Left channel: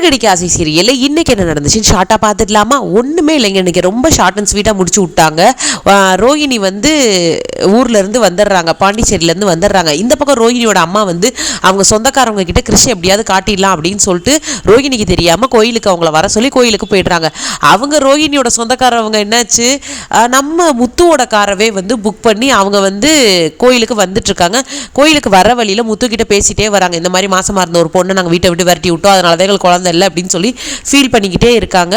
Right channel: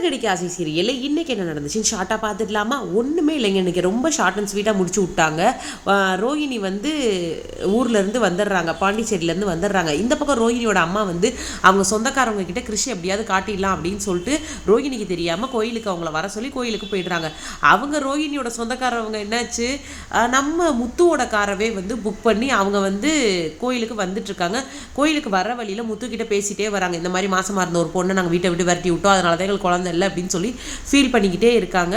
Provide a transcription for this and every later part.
சிறகடிக்க ஆசை சீரியல்ல இன்னைக்கு என்ன நடந்துச்சுன்னு ஷார்ட்டாக பார்த்துடலாமா? ஒன்றுமே இல்லைங்க. இன்னைக்கு ரொம்ப ஷார்ட் அண்ட் ஸ்வீட்டாக முடிச்சு விட்டாங்க. ரோஹிணி வந்து ஊர்லேருந்து வந்துடுறாங்க, பாண்டிச்சேரியிலேருந்து வந்துடுறாங்க. இந்த பக்கம் ரோஹிணியோட அம்மா வந்து அவங்க சொந்தக்காரவங்க கிட்ட கிருஷ் எப்படியாவது காட்டிடலாம் அப்படின்னு சொல்லிட்டு ரோஹிணிக்கு தெரியாமல் கோயிலுக்கு அவங்கள வர சொல்லி கோயிலுக்கு போயிடுறாங்க. அவங்க ரோஹிணியோட சொந்தக்காரவங்க என்னாச்சு, நம்ம முத்துவோட காரவே வந்து புக் பண்ணி அவங்க வந்து கோயிலுக்கு வந்துட்டுருக்காங்க. கோயிலுக்கு வர வழியில் முத்துக்கிட்ட பேசிகிட்டே வராங்க. இந்த மாதிரி மாசமாக இருந்த ஒரு பொண்ணை நாங்கள் வீட்டை விட்டு விரட்டி விட்டோம், அதனால தான் எங்களுக்கு குழந்தை இல்லை அப்படின்னு சொல்லி ஃபீல் பண்ணிக்கிட்டே இருக்காங்க.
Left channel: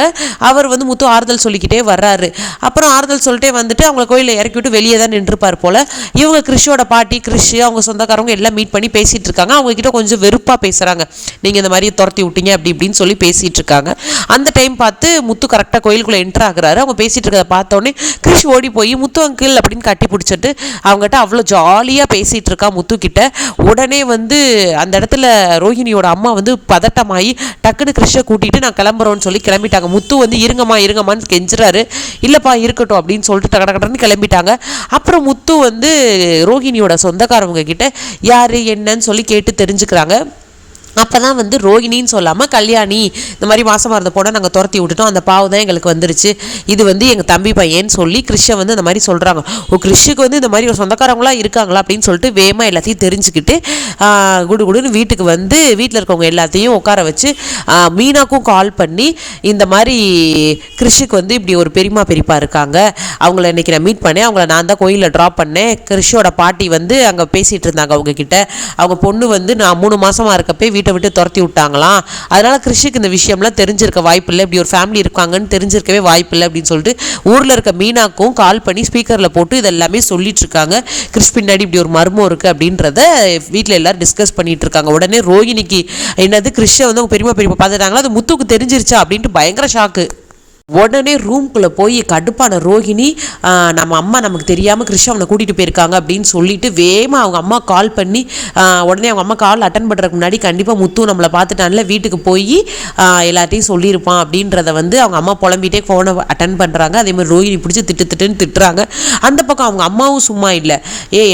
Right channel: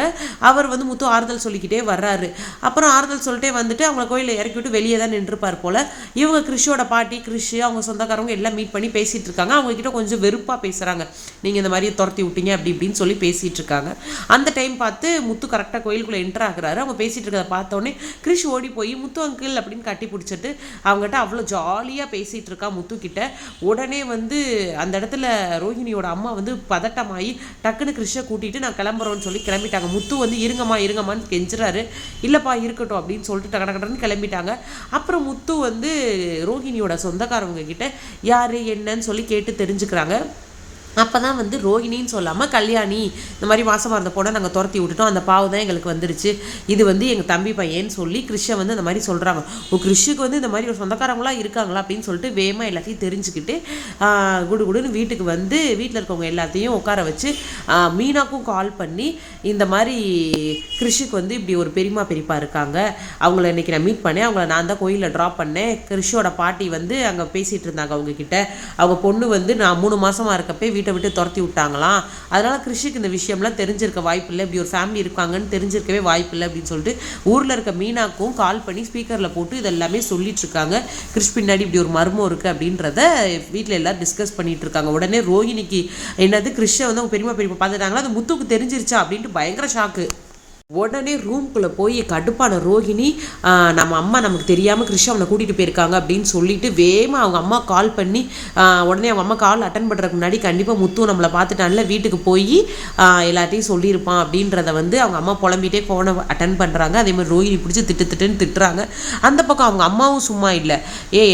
அவர் வந்து முத்து ஆறுதல் சொல்லிக்கிட்டே வர்றாரு. அப்புறம் ஆறுதல் சொல்லிட்டே வந்துட்டு அவங்க கோயிலில் இறக்கி விட்டு வெளியே தான் நின்றுப்பார் போல். இவங்க கிருஷோட பாட்டி, கிருஷ் அவங்க சொந்தக்காரவங்க எல்லாம் மீட் பண்ணி பேசிகிட்டு இருக்காங்க. அவங்க கிட்ட கொஞ்சம் வெறுப்பாக பேசுகிறாங்க. நீங்கள் இந்த மாதிரி துரத்தி விட்டீங்க அப்படி இப்படின்னு சொல்லி பேசிகிட்டு இருக்காங்க. அந்த டைம் பார்த்து முத்து கரெக்டாக கோயிலுக்குள்ளே என்ட்ரு ஆகுறாரு. அவங்க பேசிகிட்டு இருக்கிறத பார்த்தோன்னே கிருஷ் ஓடி போய் முத்து அங்கிள் அப்படின்னு கட்டி பிடிச்சிட்டு அவங்ககிட்ட அவ்வளோ ஜாலியாக பேசிகிட்டு இருக்கா முத்து கிட்ட. உடனே வந்து அந்த இடத்துல ரோஹிணியோட அம்மா வந்து பதட்டமாகி டக்குன்னு கிருஷ்ணை கூட்டிகிட்டு நான் கிளம்புறோன்னு சொல்லி கிளம்பிட்டாங்க. முத்து வந்து இருங்கம்மான்னு கெஞ்சுறாரு. இல்லைப்பா இருக்கட்டும் அப்படின்னு சொல்லிட்டு கடன்னு கிளம்பிட்டாங்க. அப்புறம் முத்து வந்து ரோஹிணியோட சொந்தக்காரவங்க கிட்ட யார் என்னன்னு சொல்லி கேட்டு தெரிஞ்சுக்கிறாங்க. அப்போ தான் வந்து ரோஹிணின்னு சொல்லாமல் கல்யாணி இந்த மாதிரி மாசமாக இருந்த போனால் நாங்கள் துரத்தி விட்டுட்டோம், அந்த பாவம் தான் எங்களுக்கு வந்துருச்சு, இது வந்து எங்கள் தம்பி பையன்னு சொல்லி கிருஷ்ணை வந்து இந்த மாதிரி சொல்கிறாங்க. கிருஷ்ணுக்கு வந்து இந்த மாதிரி ஒரு சொந்தக்காரங்களாம் இருக்காங்களா அப்படின்னு சொல்லிட்டு வேகமாக எல்லாத்தையும் தெரிஞ்சுக்கிட்டு குடுன்னு வீட்டுக்கு வந்து வீட்டில் இருக்கவங்க எல்லாத்தையும் உட்கார வச்சு மீனாக்கும் கால் பண்ணி இந்த மாதிரி கிருஷ்ணுக்கு வந்து இப்படி ஒரு பெரியப்பா இருக்காங்க, அவங்கள இன்றைக்கி நான் மீட் பண்ணேன், அவங்கள நான் தான் கோயிலில் ட்ராப் பண்ணேன். கிருஷ்ணோட பாட்டி வந்து அங்கே பேசிகிட்டு இருந்தாங்க அவங்கக்கிட்ட. அவங்க பொண்ணு வந்து நான் 3 மாதமாக இருக்கப்பே வீட்டை விட்டு துரத்தி விட்டாங்களாம், அதனால் கிருஷிக்கு இந்த விஷயம்லாம் தெரிஞ்சிருக்க வாய்ப்பு இல்லை, இப்படி ஒரு ஃபேமிலி இருக்காங்கன்னு தெரிஞ்சிருக்கவே வாய்ப்பு இல்லை அப்படின்னு சொல்லிட்டு ஊரில் இருக்க மீனாக்கும் கால் பண்ணி ஸ்பீக்கரில் போட்டு இதெல்லாமே சொல்லிட்டு இருக்காங்க. கிருஷ் பின்னாடி இப்படி ஒரு மர்மம் இருக்குது அப்படின்றத வீட்டில் எல்லோரும் டிஸ்கஸ் பண்ணிட்டு இருக்காங்க. உடனே ரோஹிணிக்கு என்னது கிருஷ்ணை வந்து அவங்க பெரியப்பா பார்த்துட்டாங்களா, அது முத்துக்கு தெரிஞ்சிருச்சா அப்படின்ட்டு பயங்கர ஷாக்கு. உடனே ரூம்குள்ளே போய் கடுப்பான ரோஹிணி நம்ம அம்மா நமக்கு தெரியாமல் கிருஷ்ண அவனை கூட்டிகிட்டு போயிருக்காங்க அப்படின்னு சொல்லிட்டு வேகமாக அவங்க அம்மா கால் பண்ணி உடனே அவங்க அம்மா கால் அட்டன் பண்ணுறதுக்கு முன்னாடி கண்டிப்பாக முத்து நம்மளை பார்த்துட்டான்ல வீட்டுக்கு போய் எல்லாத்தையும் சொல்லியிருப்பான் அப்படின்றத வந்து அவங்க அம்மா புலம்பிகிட்டே ஃபோனை அட்டன் பண்ணுறாங்க. அதேமாதிரி ரோஹிணி பிடிச்சி திட்டுன்னு திட்டுறாங்க. அந்த பக்கம் அவங்க அம்மாவும் சும்மா இல்லை,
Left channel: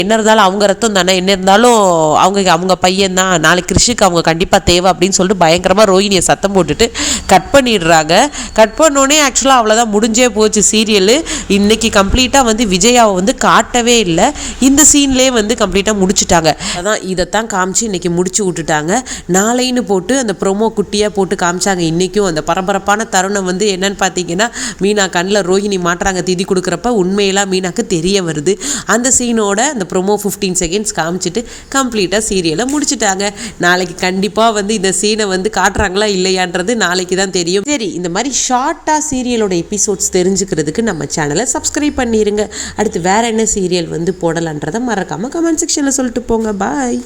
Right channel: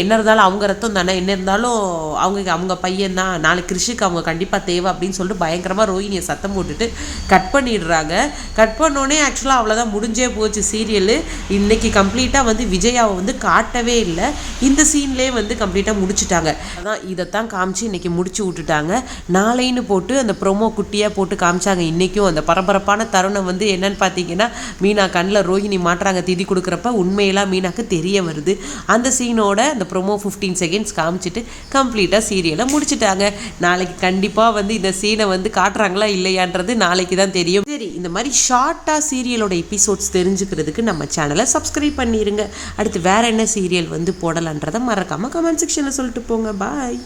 என்ன இருந்தாலும் அவங்க ரத்தம் தானே, என்ன இருந்தாலும் அவங்க பையன் தான், நாளைக்கு கிருஷிக்கு அவங்க கண்டிப்பாக தேவை அப்படின்னு சொல்லிட்டு பயங்கரமாக ரோஹிணியை சத்தம் போட்டுட்டு கட் பண்ணிடுறாங்க. கட் பண்ணோடனே ஆக்சுவலாக அவ்வளோதான் முடிஞ்சே போச்சு சீரியல். இன்றைக்கி கம்ப்ளீட்டாக வந்து விஜயாவை வந்து காட்டவே இல்லை, இந்த சீன்லேயே வந்து கம்ப்ளீட்டாக முடிச்சுட்டாங்க. அதான் இதைத்தான் காமிச்சு இன்றைக்கி முடிச்சு விட்டுட்டாங்க. நாளைன்னு போட்டு அந்த ப்ரொமோ குட்டியாக போட்டு காமிச்சாங்க. இன்றைக்கும் அந்த பரபரப்பான தருணம் வந்து என்னன்னு பார்த்தீங்கன்னா மீனா கண்ணில் ரோஹிணி மாட்டுறாங்க திதி கொடுக்குறப்ப உண்மையெல்லாம் மீனாக்கு தெரிய வருது. அந்த சீனோட அந்த ப்ரொமோ 15 செகண்ட்ஸ் காமிச்சிட்டு கம்ப்ளீட்டாக சீரியலை முடிச்சுட்டாங்க. நாளைக்கு கண்டிப்பாக வந்து இந்த சீனை வந்து காட்டுறாங்களா இல்லையான்றது நாளைக்கு தான் தெரியும். சரி, இந்த மாதிரி ஷார்ட்டாக சீரியலோட எபிசோட்ஸ் தெரிஞ்சுக்கிறதுக்கு நம்ம சேனலை சப்ஸ்கிரைப் பண்ணிடுங்க. அடுத்து வேறு என்ன சீரியல் வந்து போடலான்றதை மறக்காமல் கமெண்ட் செக்ஷனில் சொல்லிட்டு போங்க. பாய்.